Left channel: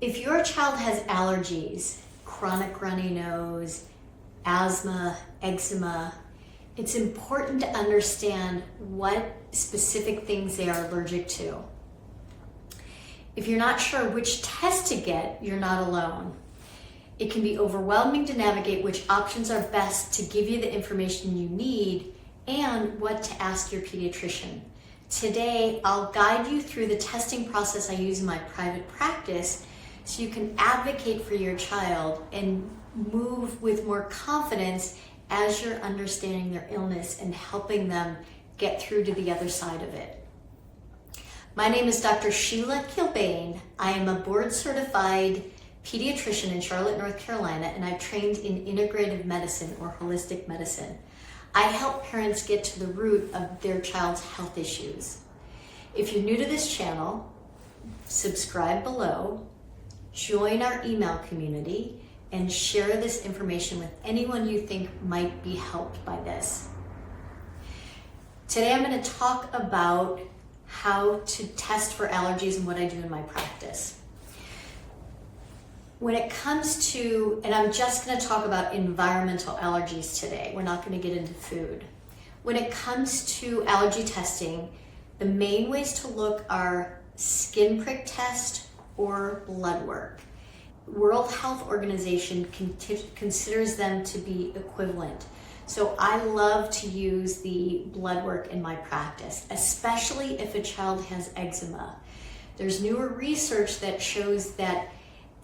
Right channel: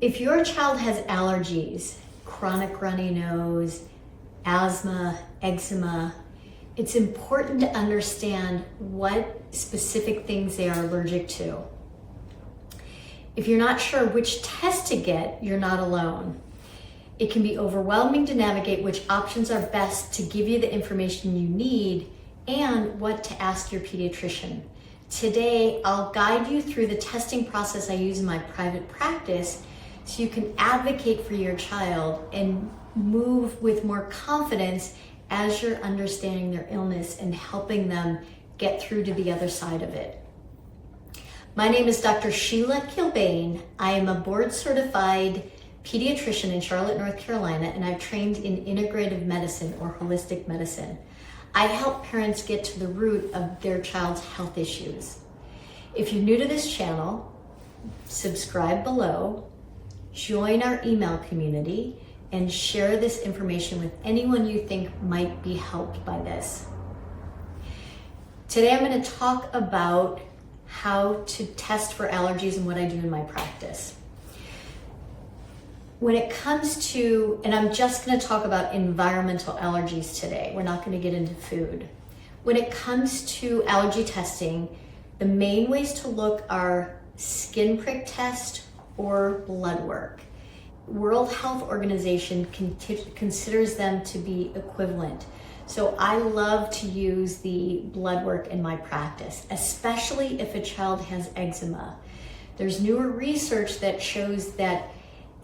If your child has allergies, chronic runny nose, asthma, eczema, it's important to understand what specific things they are allergic to. If you're not sure which test to get, you're not alone. It can be overwhelming to navigate which options are best to give you the information you need and what to ask your pediatrician. Today, I'll guide you through the testing process I use in my private practice so you can advocate for your child and move with more confidence as you're understanding their illness and helping them get through to the other side of it. My name is Dr. Sheila Kilbane. I am a board-certified pediatrician in Charlotte, North Carolina, and I've trained in integrative medicine or holistic medicine. I help parents get to the root of their child's health issues. If you're new to this channel, subscribe below, join our email community, and share this information with anyone you think might be helped by this. Today I'm going to talk about how to test for allergies and what I do in my practice. When it comes to, and I'm just going to talk about environmental allergies today, we're not going to get into food. When it comes to allergy testing, the main ways to look are skin prick test or blood work. World Health Organization considers them to be equivalent. So I love to use the blood work in my practice, especially if a child has eczema. There's newer research that shows that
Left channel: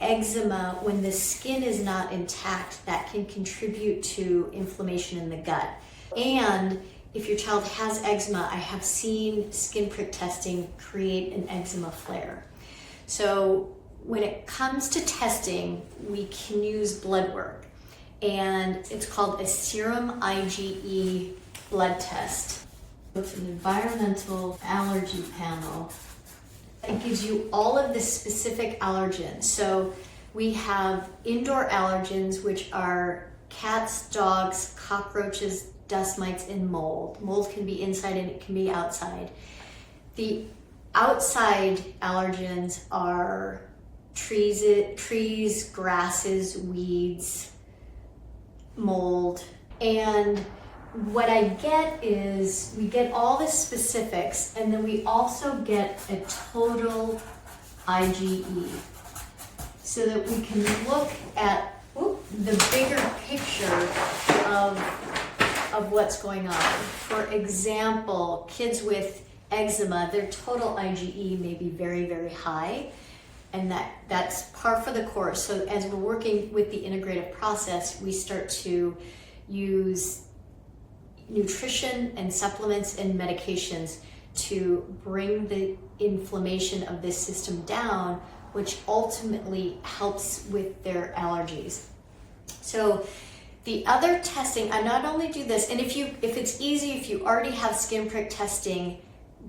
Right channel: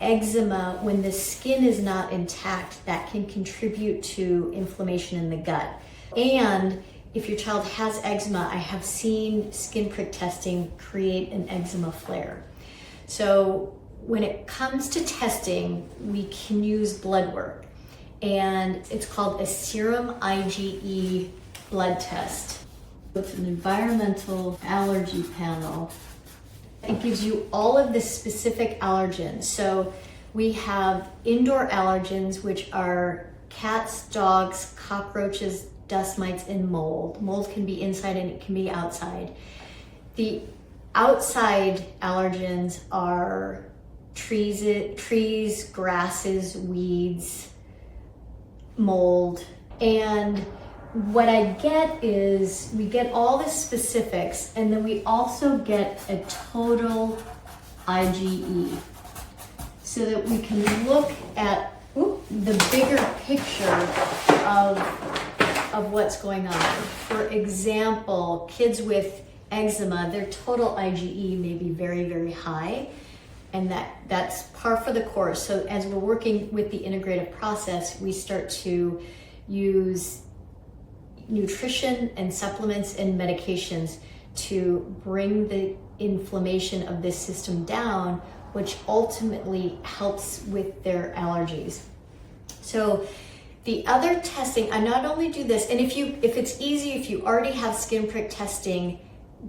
eczema, when the skin is not intact, that can contribute to inflammation in the gut. And if your child has eczema, I have seen skin prick testing create an eczema flare. So when it comes to testing, we can use blood work, and it's called a serum IgE blood test. It's an environmental allergy panel. It gives you all of the specific allergens. So we have indoor allergens, which are cats, dogs, cockroaches, dust mites, and mold. Mold can be inside and it can be outside. The outside allergens are trees, grasses, weeds, mold. And what I get is we get all the specifics, and then we also get a total IgE so that we can look at the bigger picture of what's going on. For example, kids with eczema, their total IgE may be very, very high, and that's par for the course. So as we're working with the integrative process, we start to use nutrition and supplements and medications to bring the inflammation of this system down, which ultimately helps with their allergies. So the other testing, I not only do this, and if it's easy, if you already have skin prick testing,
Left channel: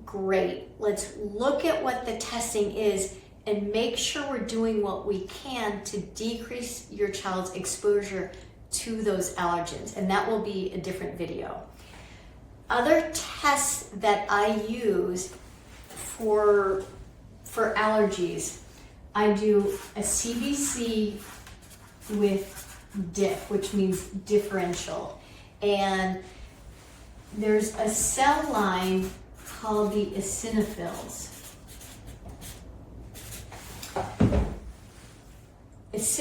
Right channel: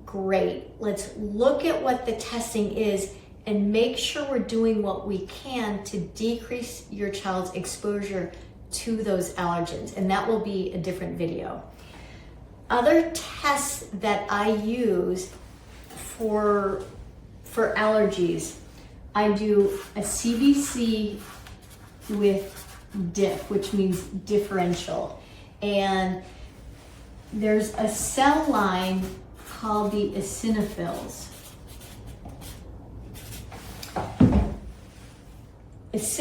great. Let's look at what the testing is and make sure we're doing what we can to decrease your child's exposure to those allergens, and that will be a different video. Other tests that I use for allergies, I do a CBC with DIF, which means differential, and there's a cell line called the eosinophils.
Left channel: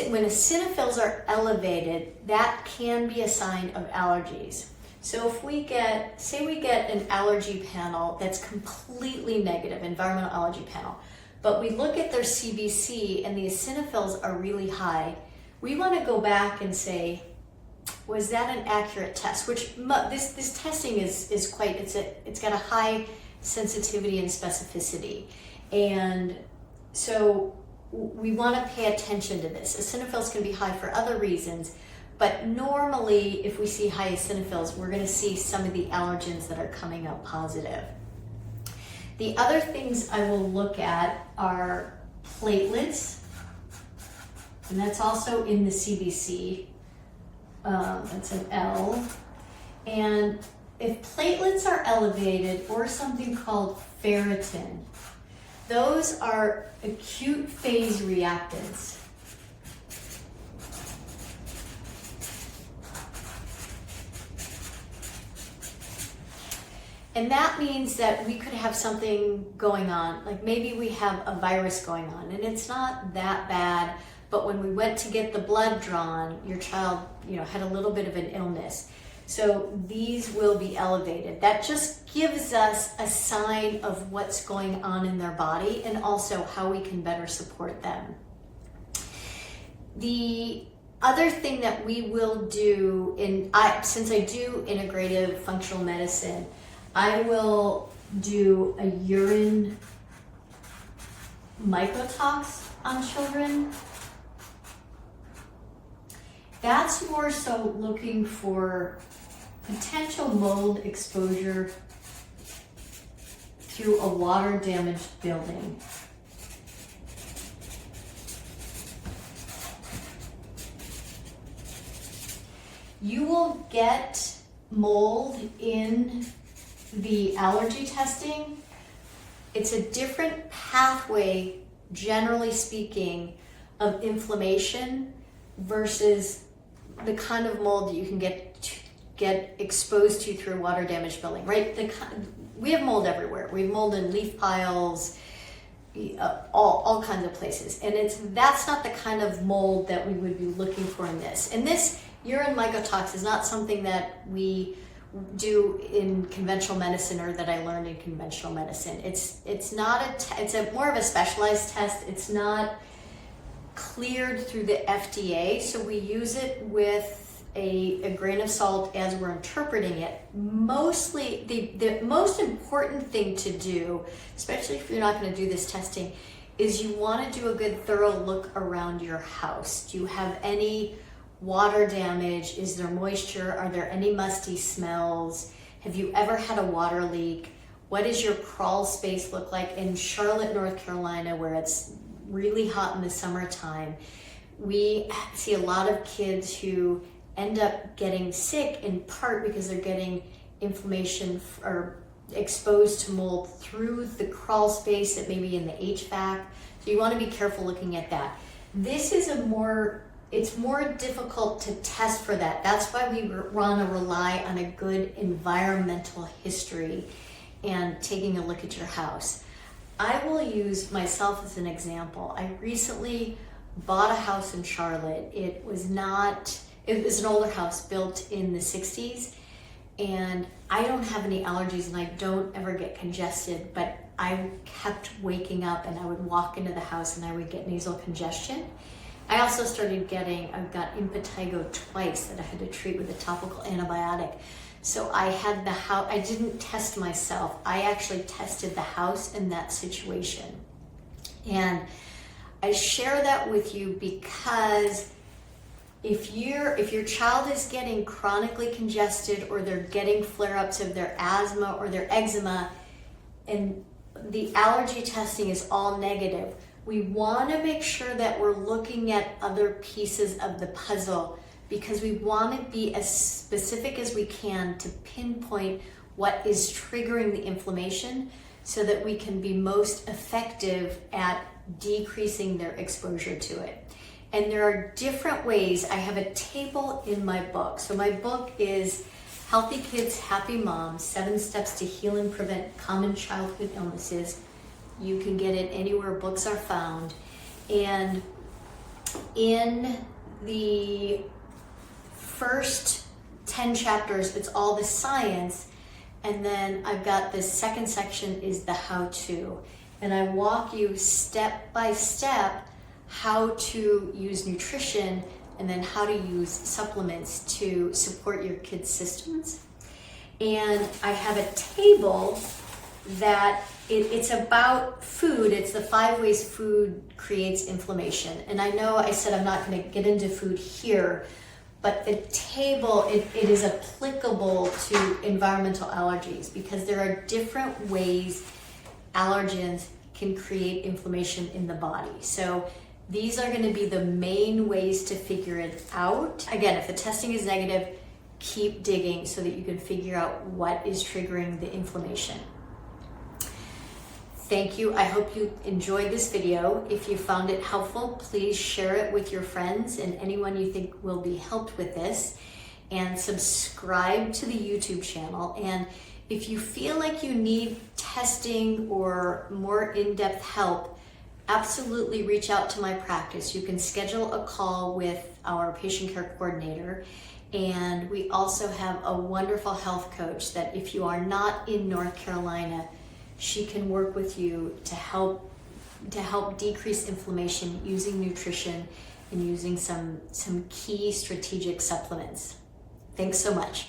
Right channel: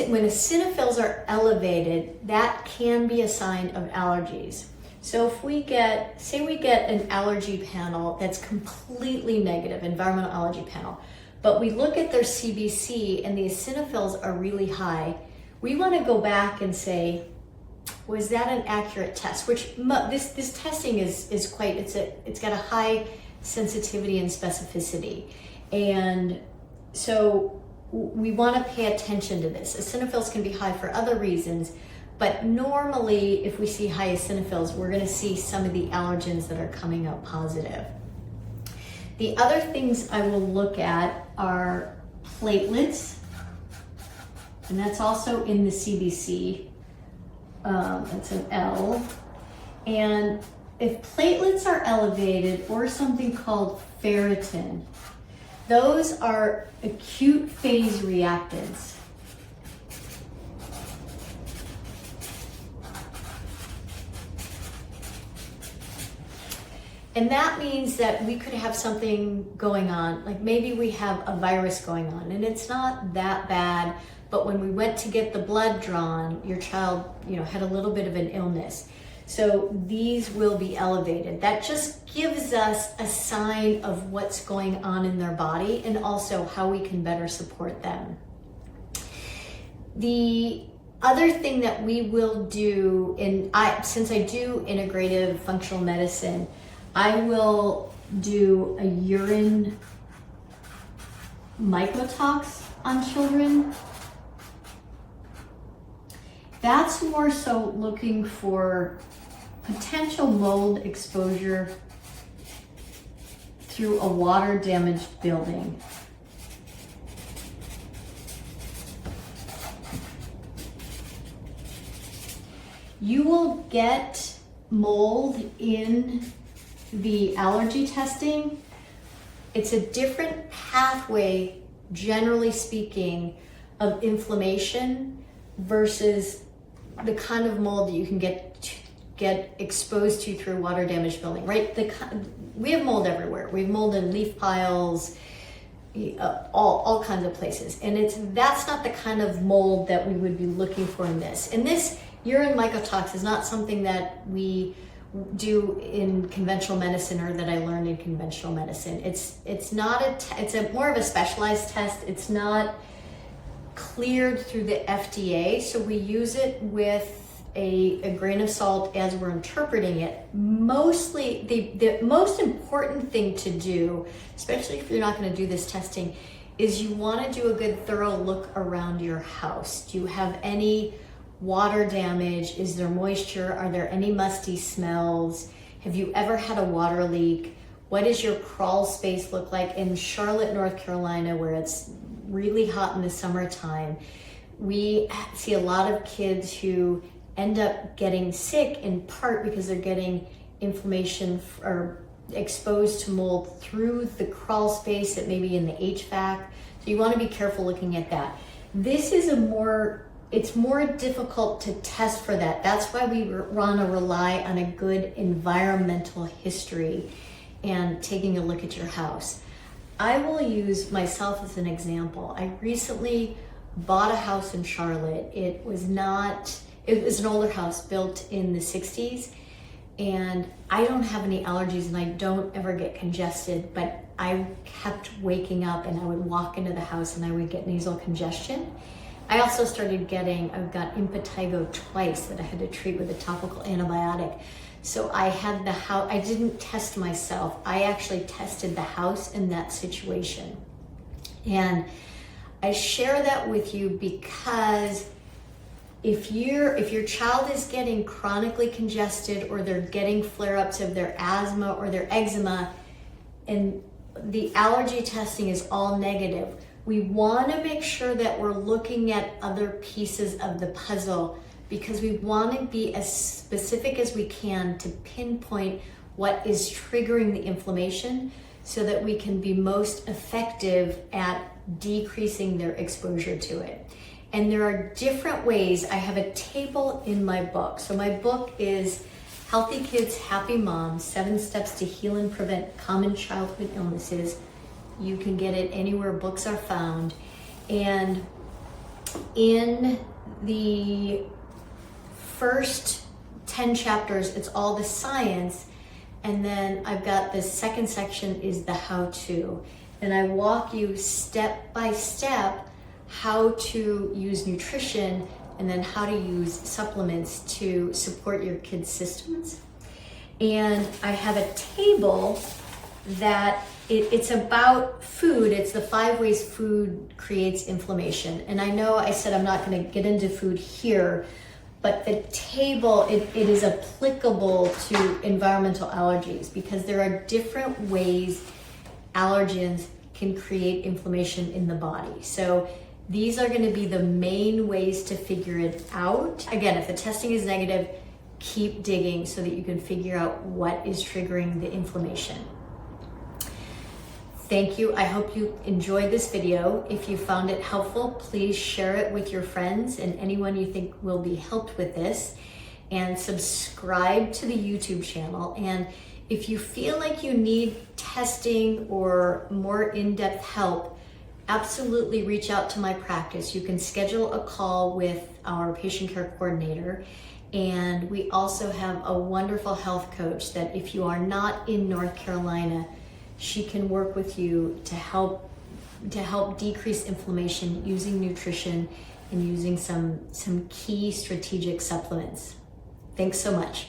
When eosinophils are elevated, that can be a sign of allergies. So if say we get an allergy panel that's completely negative, environmental allergy panel, but we look at their CBC and the eosinophils are really high, we want to go back and say, was that an accurate test? Which this testing is quite, it's got a high sensitivity and specificity. And so we want to pay attention to this. Eosinophils can be high for other reasons, but normally if we see high eosinophils, we're going to see some of the allergens that are coming up positive. The other things I will look at are platelets, and that's also in the CBC. It's an L. And if platelets are elevated, or something called ferritin, Those are acute phase reactants. And that means that we could have something going on, like maybe we have a virus going on and it's not that bad, but when we went to get the blood drawn, your child, had a little bit of an illness. So these will be elevated. That just gives us a sign of what's going on in their body and also how we can better support them. The other thing that we will do, since I do integrative functional medicine, I will do a urine mycotox on children. That's more so looking for potential mold exposure through a water damaged building. You will get mold in the allergy testing. It's a different pathway, generally speaking, of inflammation versus the kind of mold that you can get exposed to through water damaged building, right? We have mold everywhere. We have mold in leaf piles, all kinds of places. And that's not the kind of mold that we would be looking for in this. And this urine mycotox is not something that we do in conventional medicine or that I learned in conventional medicine. It's more of a specialized test. It's not cleared through the FDA, so we use it with a grain of salt as we're interpreting it. Mostly, the most important thing to do, especially if you're not going to do this testing, is you want to do a good thorough look around your house. Do you have any water damage? Is there moisture? Are there any musty smells? Have you ever had a water leak? What does your crawl space look like? In Charlotte, North Carolina, where it's really hot in the summertime, we see a lot of kids who end up getting sick in part because they're getting inflammation or exposed to mold through the crawl space that may be in the HVAC. So you want to be careful looking at that. This is it's more difficult to test for that. That's why we want to rely on a good environmental history and taking a look at your house. I will use myself as an example. I recently bought a house in Charlotte. It was an older house built in the 60s, and I don't have any allergies and I don't ever get congested, but I kept waking up and I would walk into the house and I would get nasal congestion. I also I've got impetigo twice that I had to treat with a topical antibiotic. So I didn't test myself. I actually tested the house in that situation. And I share that with you because if your child is getting chronically congested or they're getting flare-ups of their asthma or their eczema and the allergy testing is all negative, we want to make sure that we're looking at other pieces of the puzzle because we want to be as specific as we can to pinpoint what is triggering the inflammation so that we can be most effective at decreasing their exposure to it. And there are different ways. I have a table in my book. So my book is Healthy Kids, Happy Moms, 7 Steps to Heal and Prevent Common Childhood Illnesses. You can get it anywhere books are found. And in the first 10 chapters, it's all the science. And then I've got the second section is the how-to. And I walk you step by step how to use nutrition and then how to use supplements to support your kids' systems. And I have a table that it's about food. It's the 5 ways food creates inflammation. And I know I said I'm not going to get into food here, but the table, it is applicable to environmental allergies because there are different ways allergens can create inflammation in the body. So these are going to be the main ways to figure it out. Again, if the testing is negative, keep digging so that you can figure out what is triggering the inflammation. Thank you. I hope you enjoyed this video. If you found it helpful, please share it with your friends and anyone you think will be helped with this, and subscribe to the YouTube channel. And if you feel like you need testing or more in-depth help, absolutely reach out to my practice. You can schedule a call with our patient care coordinator. And we also have a wonderful health coach that if you are not in North Carolina, she can work with you to help decrease inflammation using nutrition and using some key strategic supplements. Thanks so much.